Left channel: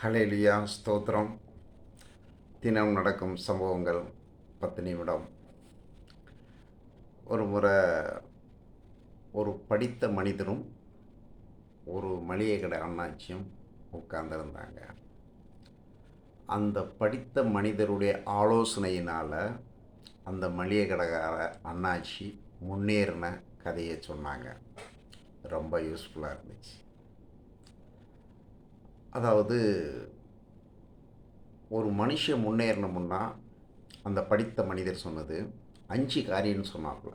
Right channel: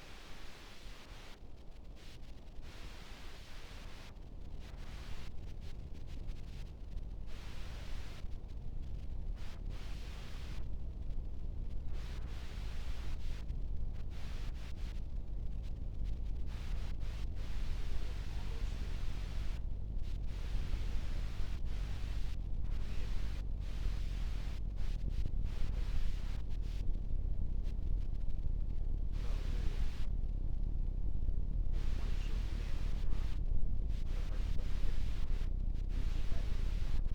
ஹல்லேலூயா ஸ்தோத்திரம். தினம் நடக்கும் சம்பவங்கள் 10 நிமிடம். ஒரு முறை ஒரு படித்த மனிதனும் ஒரு மளிகை கடை அண்ணாச்சியும் உட்கார்ந்துருந்தாங்க. அந்த படித்த மனிதருடைய ஆலோசனையினால் அந்த மளிகை கடைக்கார அண்ணாச்சி முன்னேறின கதையை சொன்னாங்க. ரொம்ப யூஸ்ஃபுல்லாக இருந்துச்சு. அதாவது ஒரு மனுஷன் முன்னேறணும்னா அந்த படித்த மனிதர் சொன்னது 5 காரியம்னு சொன்னாப்புல.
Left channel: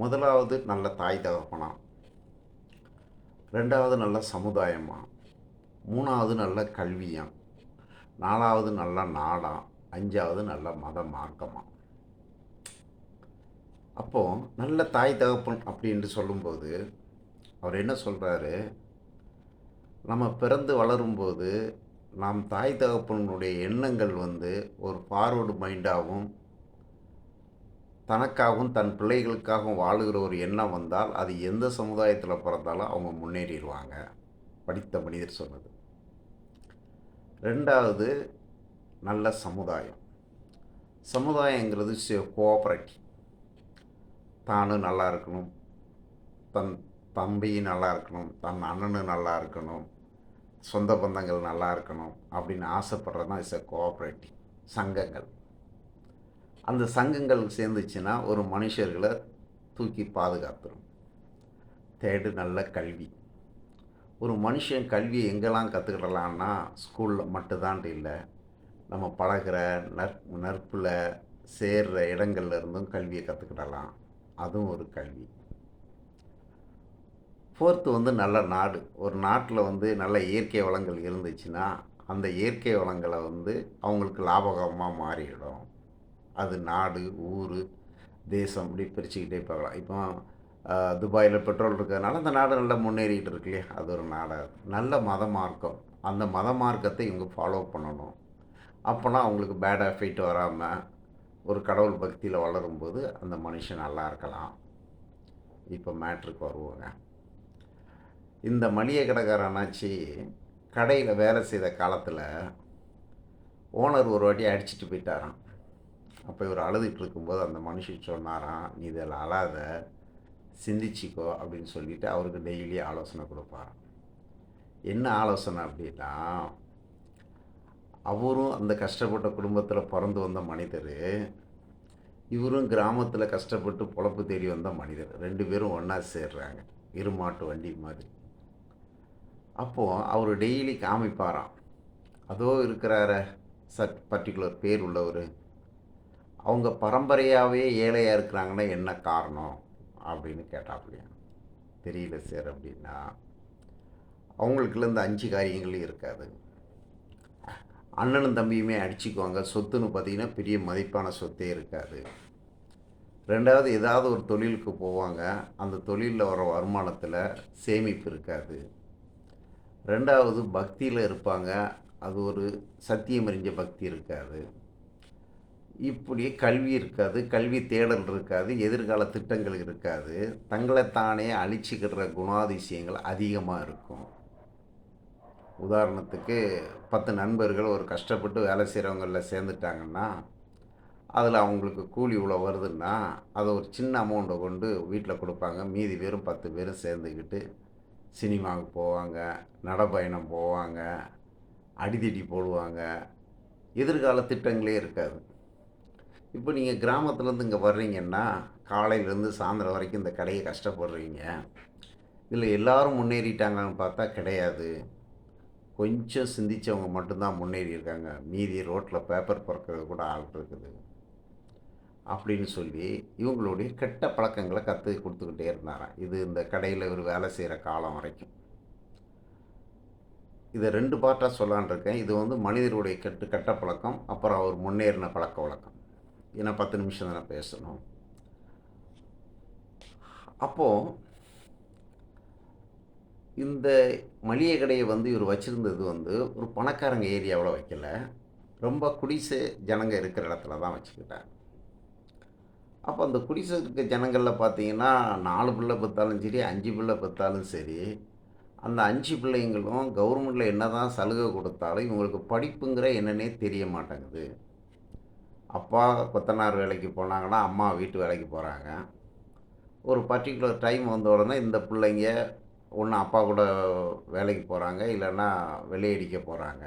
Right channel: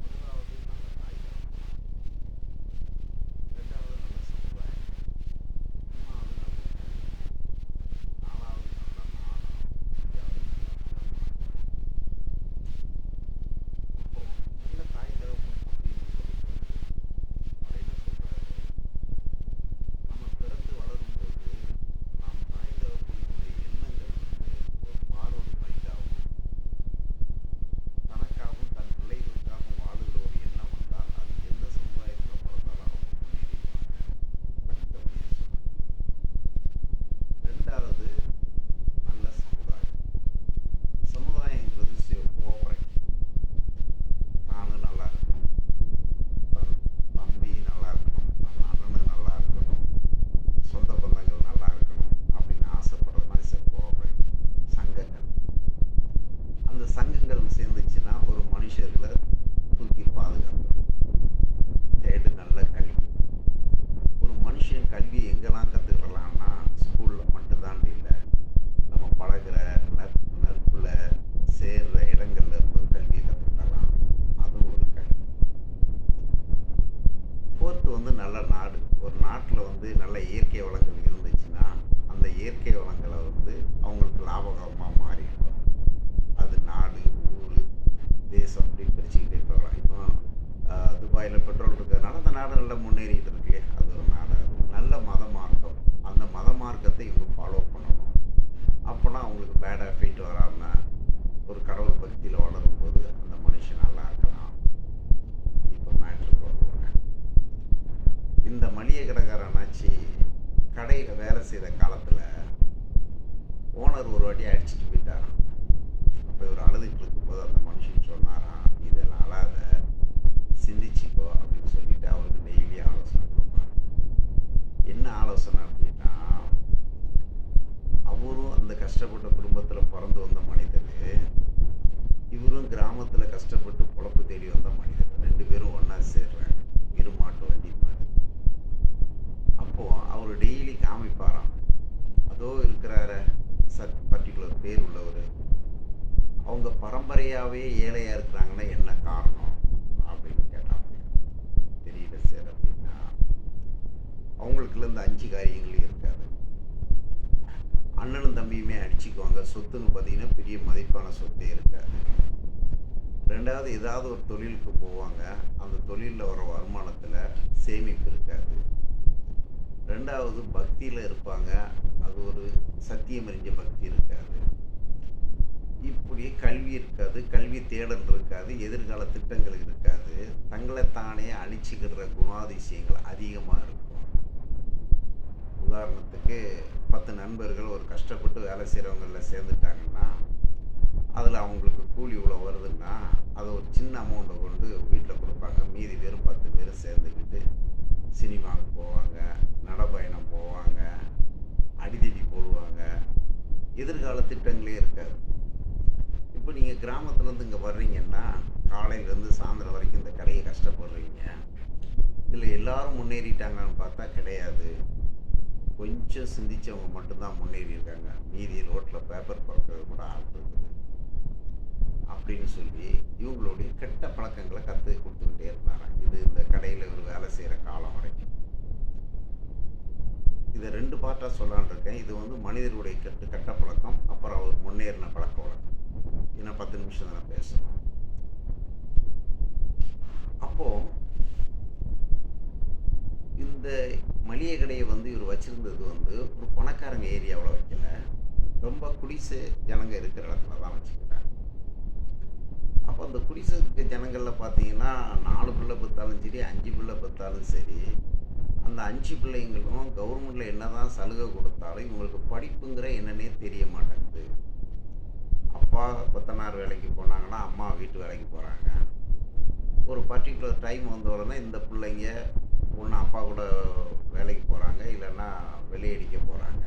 முதலாவது நல்ல தாய் தகப்பனா, 2வது நல்ல சமுதாயமா, 3வது நல்ல கல்வியா, 4வது நல்ல நாடா, 5வது நல்ல மத மார்க்கமா. அப்போது நல்ல தாய் தகப்பன் அப்படின்னு சொல்லும்போது அவர் என்ன சொல்கிறாரு, நம்ம பிறந்து வளரும்போது நாம் தாய் தகப்பனுடைய எண்ணங்கள் ஒரு ஃபார்வர்டு மைண்டாகவும் தனக்காகவும் தன் பிள்ளைகளுக்காகவும் வாழுகிற ஒரு எண்ணம் வந்தால் அது எந்த சமுதாயத்தில் பிறந்தாலும் அவங்க முன்னேறிடுவாங்க. படித்த மனிதர் சொன்னது. 2வது நல்ல சமுதாயம். சமுதாயங்கிறது கோஆப்ரேட்டிவ். தானும் நல்லா இருக்கணும், தன் தம்பியும் நல்லா இருக்கணும், தன் அண்ணனும் நல்லா இருக்கணும், சொந்த பந்தங்கள் நல்லா இருக்கணும் அப்படின்னு ஆசைப்படுறதுனா கோஆப்ரேட்டிவ். சங்கங்கள், அந்த சங்கங்கள் சேர்ந்துச்சுன்னா ஒரு மனுஷர்களை தூக்கி பாதுகாத்துடும். தேர்டு நல்ல கல்வி. ஒரு மனுஷன் கல்வியை எங்கெல்லாம் கற்றுக்கிடலான்னா ஸ்கூலில் மட்டும்தான் இல்லை, நம்ம பழகிற நட்பில் சேர்கிற இடங்கள்ல இருந்தும் கல்வியை கற்றுக்கிடலாம். அதுவும் ஒரு கல்வி. 4th நல்ல நாடு. ஒரு நாட்டில் நல்ல இயற்கை வளங்கள் இருந்துச்சுன்னா அந்த இயற்கை வளங்களை அவங்களுக்கு லாபகரமாக மாறிடும். அது நாடு, ஊர், தேசம் இப்படி பிரிச்சுக்கிட்டே போகலாம். இப்போ துபாயில் பெட்ரோல் இருக்கிறதுனால அந்த நாடு நல்லா முன்னேறிக்கிட்டு இருக்கு இல்லையா, அது ஒரு நாடாக. நல்ல மத மார்க்கம். அந்த மத மார்க்கத்தை இவங்க ஃபாலோ பண்ணணும். அப்போனா அவங்களுக்கு பேட் எஃபெக்ட் வராமல் ஒரு கடவுள் பக்தியில் வளரும்போது அந்த மனுஷன் நல்லா இருக்கலாம். இப்போ மேட்ருக்கு வருவாங்க. இந்த மளிகை கடைக்கார அண்ணாச்சி கடையில் வேலை செய்த காலத்தில் ஓனர் ஒரு வாட்டி அடிச்சுட்டு போயிட்டாராம். அப்போ இவர் அழுதுகிட்டு இருக்கும்போது அந்த மனுஷன் சொன்னாராம், நீ இதில் அழாத, சிந்திச்சிக்கோ அப்படின்னு சொல்லிவிட்டு அவருக்கு டெய்லி ஆலோசனை கொடுப்பார். என்ன ஆலோசனை அப்படின்னா, அவரும் அந்த கஷ்டப்பட்ட குடும்பத்தில் பிறந்து வந்த மனிதர், இவரும் கிராமத்தில் கஷ்டப்பட்டு பொழப்பு தேடி வந்த மனிதர். 2 பேரும் ஒன்றா சேர்றாங்க, இருமாட்டு வண்டி மாதிரி. அப்போது அவர் டெய்லி காமிப்பாராம், அதோ இருக்கிறார பர்டிகுலர் பேர் உள்ளவர், அவங்க பரம்பரையாகவே ஏழையாக இருக்கிறாங்கன்னா என்ன காரணம் அப்படின்னு கேட்டாப்படியா. தெரியல சார் அப்படின்னா, அவங்களுக்குள்ள இந்த 5 காரியங்களும் இருக்காது. அண்ணனும் தம்பியுமே அடிச்சுக்குவாங்க. சொத்துன்னு பார்த்தீங்கன்னா பெரிய மதிப்பான சொத்தே இருக்காது. 2வது ஏதாவது ஒரு தொழிலுக்கு போவாங்க, அந்த தொழிலில் வர வருமானத்தில் சேமிப்பு இருக்காது. 2வது பக்தியில் இருப்பாங்க, அது ஒரு சத்தியம் அறிஞ்ச பக்தி இருக்காது. இப்படி கல்வி இருக்காது, கல்வி தேடல் இருக்காது, எதிர்கால திட்டங்கள் இருக்காது, தங்களைத்தானே அழிச்சிக்கிற குணாதிசயங்கள் அதிகமாக இருக்கும். உதாரணத்துக்கு 10 நண்பர்கள் ஒரு கஷ்டப்பட்டு வேலை செய்கிறவங்களில் சேர்ந்துட்டாங்கன்னா அதில் அவங்களுக்கு கூலி இவ்வளோ வருதுன்னா அதை ஒரு சின்ன அமௌண்ட்டை கொண்டு வீட்டில் கொடுப்பாங்க. மீதி பேரும் 10 பேரும் சேர்ந்துக்கிட்டு சினிமாவுக்கு போவாங்க, நடைப்பயணம் போவாங்க, அடிதடி போடுவாங்க. எதிர்கால திட்டங்களே இருக்காது. இப்போ நீங்கள் கிராமத்துலேருந்து இங்கே வர்றீங்கன்னா காலையிலேருந்து சாயந்தரம் வரைக்கும் இந்த கடையை கஷ்டப்படுறீங்க. இதில் எல்லோரும் முன்னேறிட்டாங்கன்னு பார்த்தா கிடையாது. கொஞ்சம் சிந்திச்சவங்க மட்டும்தான் முன்னேறி இருக்காங்க, மீதி ரோட்டில் பேப்பர் பறக்கிறது கூட ஆள் இருக்குது அப்படின்னு சொல்லி இவங்களுடைய கெட்ட பழக்கங்களை கொடுத்துக்கிட்டே இருந்தாராம். இது இந்த கடையில் இவர் வேலை செய்கிற காலம் வரைக்கும். இதை 2 பார்ட்டாக சொல்லான் இருக்கேன். இது மனிதருடைய கெட்ட பழக்கம், அப்புறம் அவர் முன்னேறின பழக்க வழக்கம். ஏன்னா 10 நிமிஷம் தானே பேசணும். அப்போது இந்த மளிகை கடையை இவர் வச்சுருந்தது ஒரு பணக்காரங்க ஏரியாவில் வைக்கல, ரொம்ப குடிசை ஜனங்க இருக்கிற இடத்துல தான் வச்சுக்கிட்டார். அப்போ அந்த குடிசை இருக்க ஜனங்களில் பார்த்தீங்கன்னா 4 பிள்ளை பெற்றாலும் சரி, 5 பிள்ளை பெற்றாலும் சரி, அந்த 5 பிள்ளைங்களும் கவர்மெண்ட்ல என்னதான் சலுகை கொடுத்தாலும் இவங்களுக்கு படிப்புங்கிற என்னன்னே தெரிய மாட்டேங்குது. அப்பா கொத்தனார் வேலைக்கு போனாங்கன்னா, அம்மா வீட்டு வேலைக்கு போறாங்க. ஒரு பர்ட்டிகுலர் டைம் வந்த உடனே இந்த பிள்ளைங்க ஒண்ணு அப்பா கூட வேலைக்கு போறாங்க, இல்லன்னா வெள்ளையடிக்க போறாங்க.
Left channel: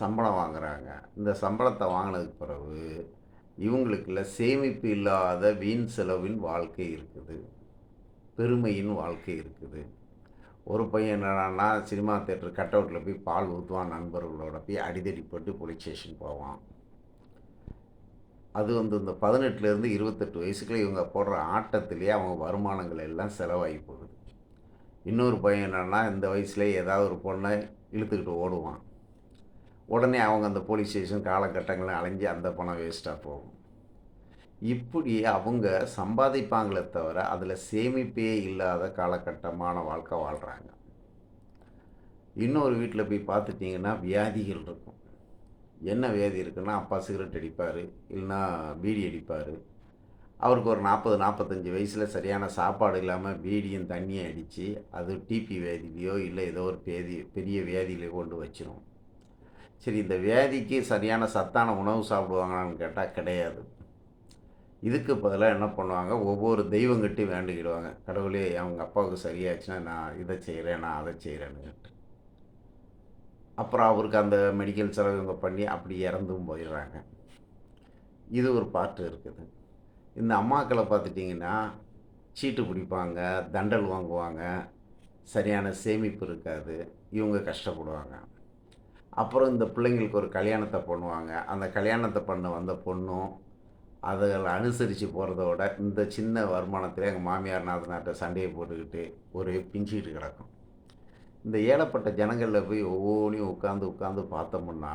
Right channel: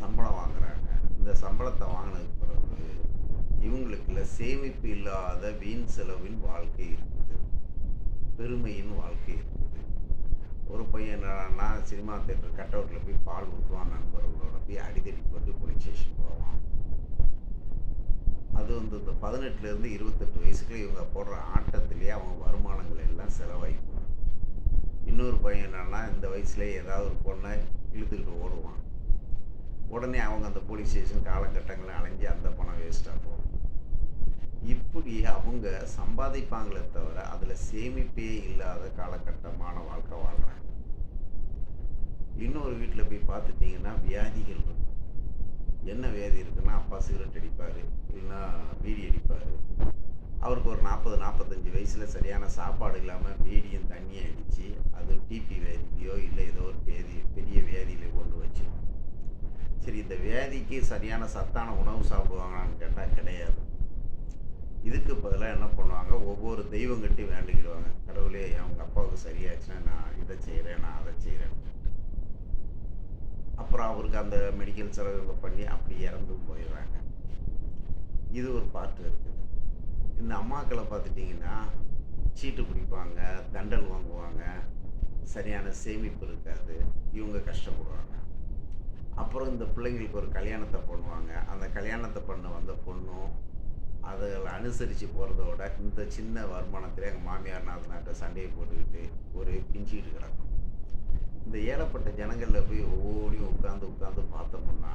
சம்பளம் வாங்குறாங்க. இந்த சம்பளத்த வாங்குனதுக்கு பிறகு, இவங்களுக்குள்ள சேமிப்பு இல்லாத வீண் செலவின் வாழ்க்கை இருக்குது. பெருமையின் வாழ்க்கை இருக்குது. ஒரு பையன் என்னடான்னா, சினிமா தியேட்டர் கட் அவுட்ல போய் பால் ஊத்துவான் நண்பர்களோட போய் அடிதடி போட்டு போலீஸ் ஸ்டேஷன் போவான். அது வந்து இந்த 18லேருந்து 28 வயசுக்குள்ள இவங்க போடுற ஆட்டத்திலேயே அவங்க வருமானங்கள் எல்லாம் செலவாகி போகுது. இன்னொரு பையன் என்னன்னா, இந்த வயசுலயே ஏதாவது ஒரு பொண்ணை இழுத்துக்கிட்டு ஓடுவான். உடனே அவங்க அந்த போலீஸ் ஸ்டேஷன் காலகட்டங்களை அலைஞ்சு அந்த பணம் வேஸ்ட்டாக போகும். இப்படி அவங்க சம்பாதிப்பாங்களே தவிர, அதில் சேமிப்பே இல்லாத காலகட்டமான வாழ்க்கை வாழ்கிறாங்க. இன்னொரு வீட்டில் போய் பார்த்துட்டிங்கன்னா வியாதிகள் இருக்கும். என்ன வியாதி இருக்குன்னா, அப்பா சிகரெட் அடிப்பார், இல்லைன்னா பீடி அடிப்பார். அவருக்கு ஒரு 40, 45 வயசில் சரியான சாப்பாடு இல்லாமல் பீடியும் தண்ணியும் அடித்து அது டிபி வியாதிலையோ இல்லை ஏதோ ஒரு பெரிய வியாதியிலையோ கொண்டு வச்சிரும். சரி, இந்த வியாதிக்கு சரியான சத்தான உணவு சாப்பிடுவாங்களான்னு கேட்டால் கிடையாது. இதுக்கு பதிலாக என்ன பண்ணுவாங்க, ஒவ்வொரு தெய்வங்கிட்ட வேண்டிக்கிடுவாங்க. கடவுளே அவங்க அப்பாவுக்கு சரியாச்சுன்னா நான் இதை செய்கிறேன், நான் அதை செய்கிறேன்னு. அப்புறம் அவருக்கு அந்த மெடிக்கல் செலவு இவங்க பண்ணி அப்படி இறந்தும் போயிடுறாங்க. இது ஒரு பாட்டு இருக்குது. இந்த அம்மாக்களை பார்த்துட்டிங்கன்னா சீட்டு பிடிப்பாங்க, தண்டல் வாங்குவாங்க, சரியான சேமிப்பு இருக்காது, இவங்க கஷ்டப்படுவாங்க. அப்புறம் இந்த பிள்ளைங்களுக்கு ஒரு கல்யாணத்தை பண்ணுவாங்க. அந்த கல்யாணத்தை பண்ண வந்த பொண்ணும் அதில் அனுசரித்து போகிறதோட இந்த சின்ன வருமானத்தில் எங்கள் மாமியார் நாத்தனார்ட்ட சண்டையை போட்டுக்கிட்டு ஒரு பிஞ்சிக்கிட்டு கிடக்கும். இந்த ஏழப்பட்ட ஜனங்களில் போய் ஒவ்வொன்றையும் உட்காந்து பார்த்தோம்னா,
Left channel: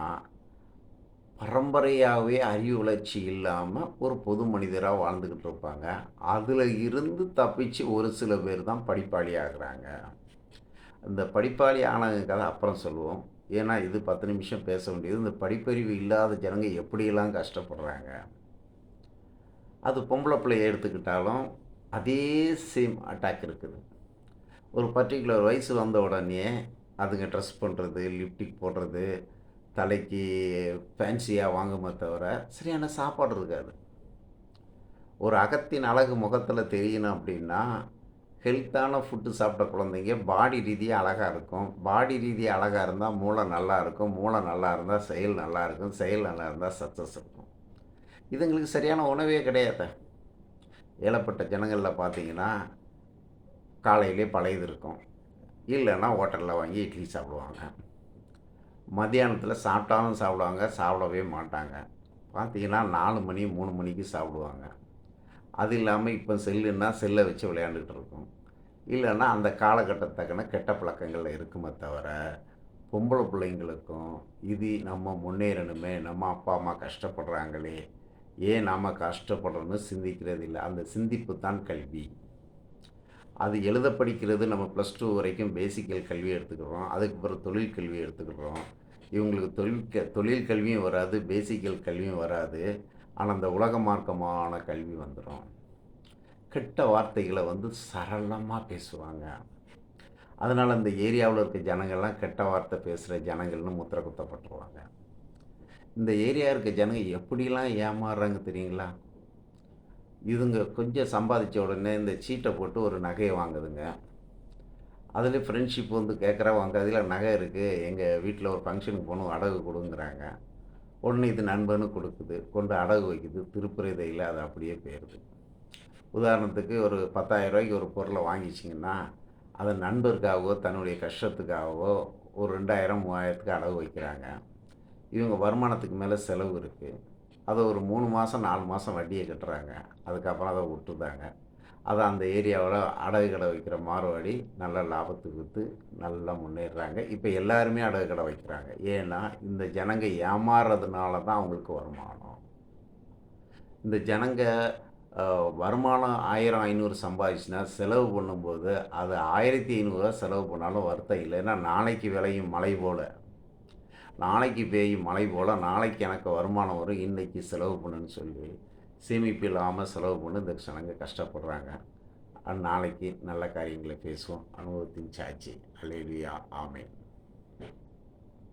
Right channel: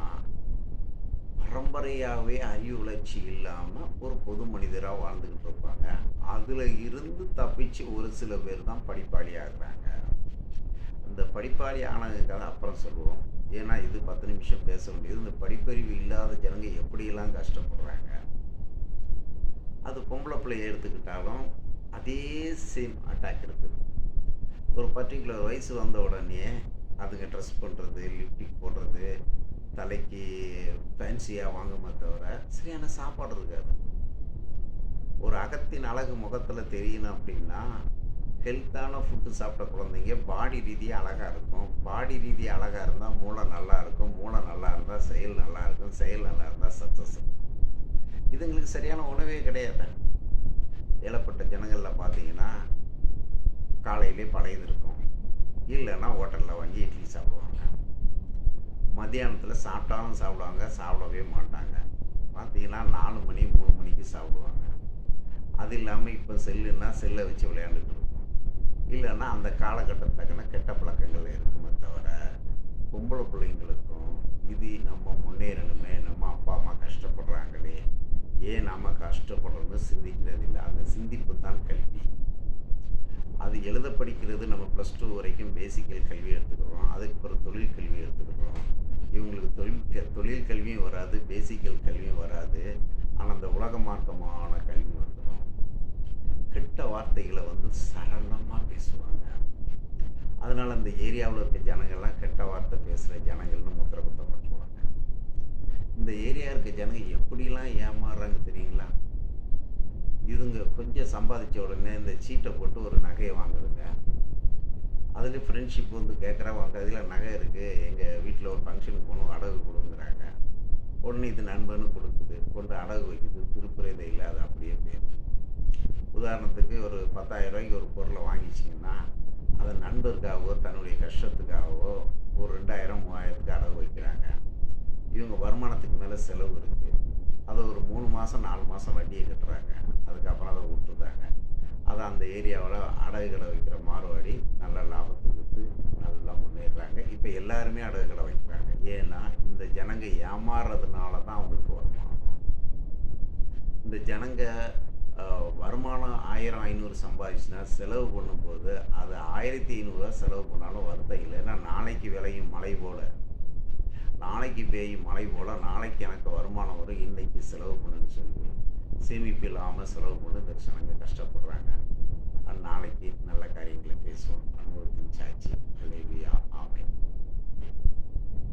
பரம்பரையாகவே அறிவு வளர்ச்சி இல்லாமல் ஒரு பொது மனிதராக வாழ்ந்துக்கிட்டு இருப்பாங்க. அதில் இருந்து தப்பிச்சு ஒரு சில பேர் தான் படிப்பாளி ஆகுறாங்க. இந்த படிப்பாளி ஆனது கதை அப்புறம் சொல்லுவோம். ஏன்னா இது 10 நிமிஷம் பேச வேண்டியது. இந்த படிப்பறிவு இல்லாத ஜனங்க எப்படியெல்லாம் கஷ்டப்படுறாங்க. அது பொம்பளை பிள்ளைய எடுத்துக்கிட்டாலும் அதே சேம் அட்டாக் இருக்குது. ஒரு பர்ட்டிகுலர் வயசு வந்த உடனே அதுங்க ட்ரெஸ் பண்ணுறது, லிப்டிக் போடுறது, தலைக்கு ஃபேன்சியாக வாங்குமே தவிர சரியான சாப்பாடு இருக்காது. ஒரு அகத்தின் அழகு முகத்தில் தெரியணும் அப்படின்னா, ஹெல்த்தான ஃபுட்டு சாப்பிட்ட குழந்தைங்க பாடி ரீதியாக அழகாக இருக்கும். பாடி ரீதியாக அழகாக இருந்தால் மூளை நல்லா இருக்கும். மூளை நல்லா இருந்தால் செயல் நல்லா இருக்கும். செயல் நல்லா இருந்தால் சக்ஸஸ் இருக்கும். இதுங்களுக்கு சரியான உணவே கிடையாது. ஏழப்பட்ட ஜனங்களில் பார்த்தீங்கன்னா, காலையிலே பழையது இருக்கும், இல்லைன்னா ஹோட்டலில் வாங்கி இட்லி சாப்பிடுவாங்க. மத்தியானத்தில் சாப்பிட்டாலும் சாப்பிடுவாங்க, சாப்பிடவே மாட்டாங்க. பார்த்தீங்கன்னா 4 மணி 3 மணிக்கு சாப்பிடுவாங்க. அது இல்லாமல் இப்போ செல்லுன்னா செல்லை வச்சு விளையாண்டுட்டு இருக்கோம். இல்லைன்னா அந்த காலகட்டத்தக்கன கெட்ட பழக்கங்கள் இருக்குமே தவிர, பொம்பளை பிள்ளைங்களுக்கும் இது நம்ம முன்னேறணுமே, நம்ம அப்பா அம்மா கஷ்டப்படுறாங்களே, ஏன் நாம் கஷ்டப்படுறோன்னு சிந்திக்கிறது இல்லை. அந்த சிந்திப்பு தான் கல்வி. அது எழுத படிக்கிறது நம்ம +2 வரைக்கும் பேசிக்கல் கல்வி எடுத்துக்கிறோம். அதுக்கு பிறகு தொழில் கல்வி எடுத்துக்கிறோம். இவங்களுக்கு தொழில் கல்வியும் வராது, பேசிக்கல் கல்வியும் வராது. ஆனால் அந்த உலக மார்க்கமான கல்வி வந்துடும். கெட்ட வார்த்தைகளை வந்து சரளமாக பேசுவாங்க. அதனால் அந்த ஏரியாவில் இருக்க ஜனங்கள்லாம் கெட்ட வார்த்தை பேசுகிற ஜனங்கள்னு முத்திரை குத்தப்பட்டுருவாங்க. இந்த ஏரியா இருக்க ஜனங்க எப்படிலாம் ஏமாறுறாங்க தெரியுங்களா? இதுங்க கொஞ்சம் சம்பாதிச்ச உடனே இந்த சீட்டை போட்டு ஒரு நகையை வாங்குதுங்க. அதில் ஃப்ரெண்ட்ஷிப் வந்து கேட்குறவங்க அதில் நகை இருக்குது, எங்கள் வீட்டில் ஒரு ஃபங்க்ஷனுக்கு போகணும், அடகு கொடுங்குறாங்க. உடனே இது நண்பனு கொடுக்குது, கொண்டு அடகு வைக்குது, திருப்புறதை இல்லை, அது அப்படியே போயிடுது. உதாரணத்துக்கு ஒரு 10,000 ரூபாய்க்கு ஒரு பொருளை வாங்கிச்சிங்கன்னா, அதை நண்பருக்காகவோ தன்னுடைய கஷ்டத்துக்காகவோ ஒரு 2,000 3,000த்துக்கு அடகு வைக்கிறாங்க. இவங்க வருமானத்துக்கு மேலே செலவு இருக்குது. அதை ஒரு 3 மாதம் 4 மாதம் வட்டியை கட்டுறாங்க. அதுக்கப்புறம் அதை விட்டுதாங்க. அதை அந்த ஏரியாவில் அடகு கடை வைக்கிற மார்வாடி நல்ல லாபத்துக்கு விற்று நல்லா முன்னேறுறாங்க. இப்போ எல்லாருமே அடகு கடை வைக்கிறாங்க. ஏன்னா இந்த ஜனங்க ஏமாறுறதுனால தான் அவங்களுக்கு வருமானம். இந்த ஜனங்க வருமானம் 1000 500 சம்பாதிச்சுன்னா செலவு பண்ணும்போது அது 1500 செலவு பண்ணாலும் வருத்தம் இல்லை. ஏன்னா நாளைக்கு விளையும் மழை போல், நாளைக்கு பெய்யும் மழை போல் நாளைக்கு எனக்கு வருமானம் வரும், இன்றைக்கி செலவு பண்ணுன்னு சொல்லி சேமிப்பு இல்லாமல் செலவு பண்ணி இந்த ஜனங்க கஷ்டப்படுறாங்க. நாளைக்கு நல்ல காரியங்களை பேசுவோம். அனுபவத்தின் சாட்சி. அல்லேலூயா. ஆமென்.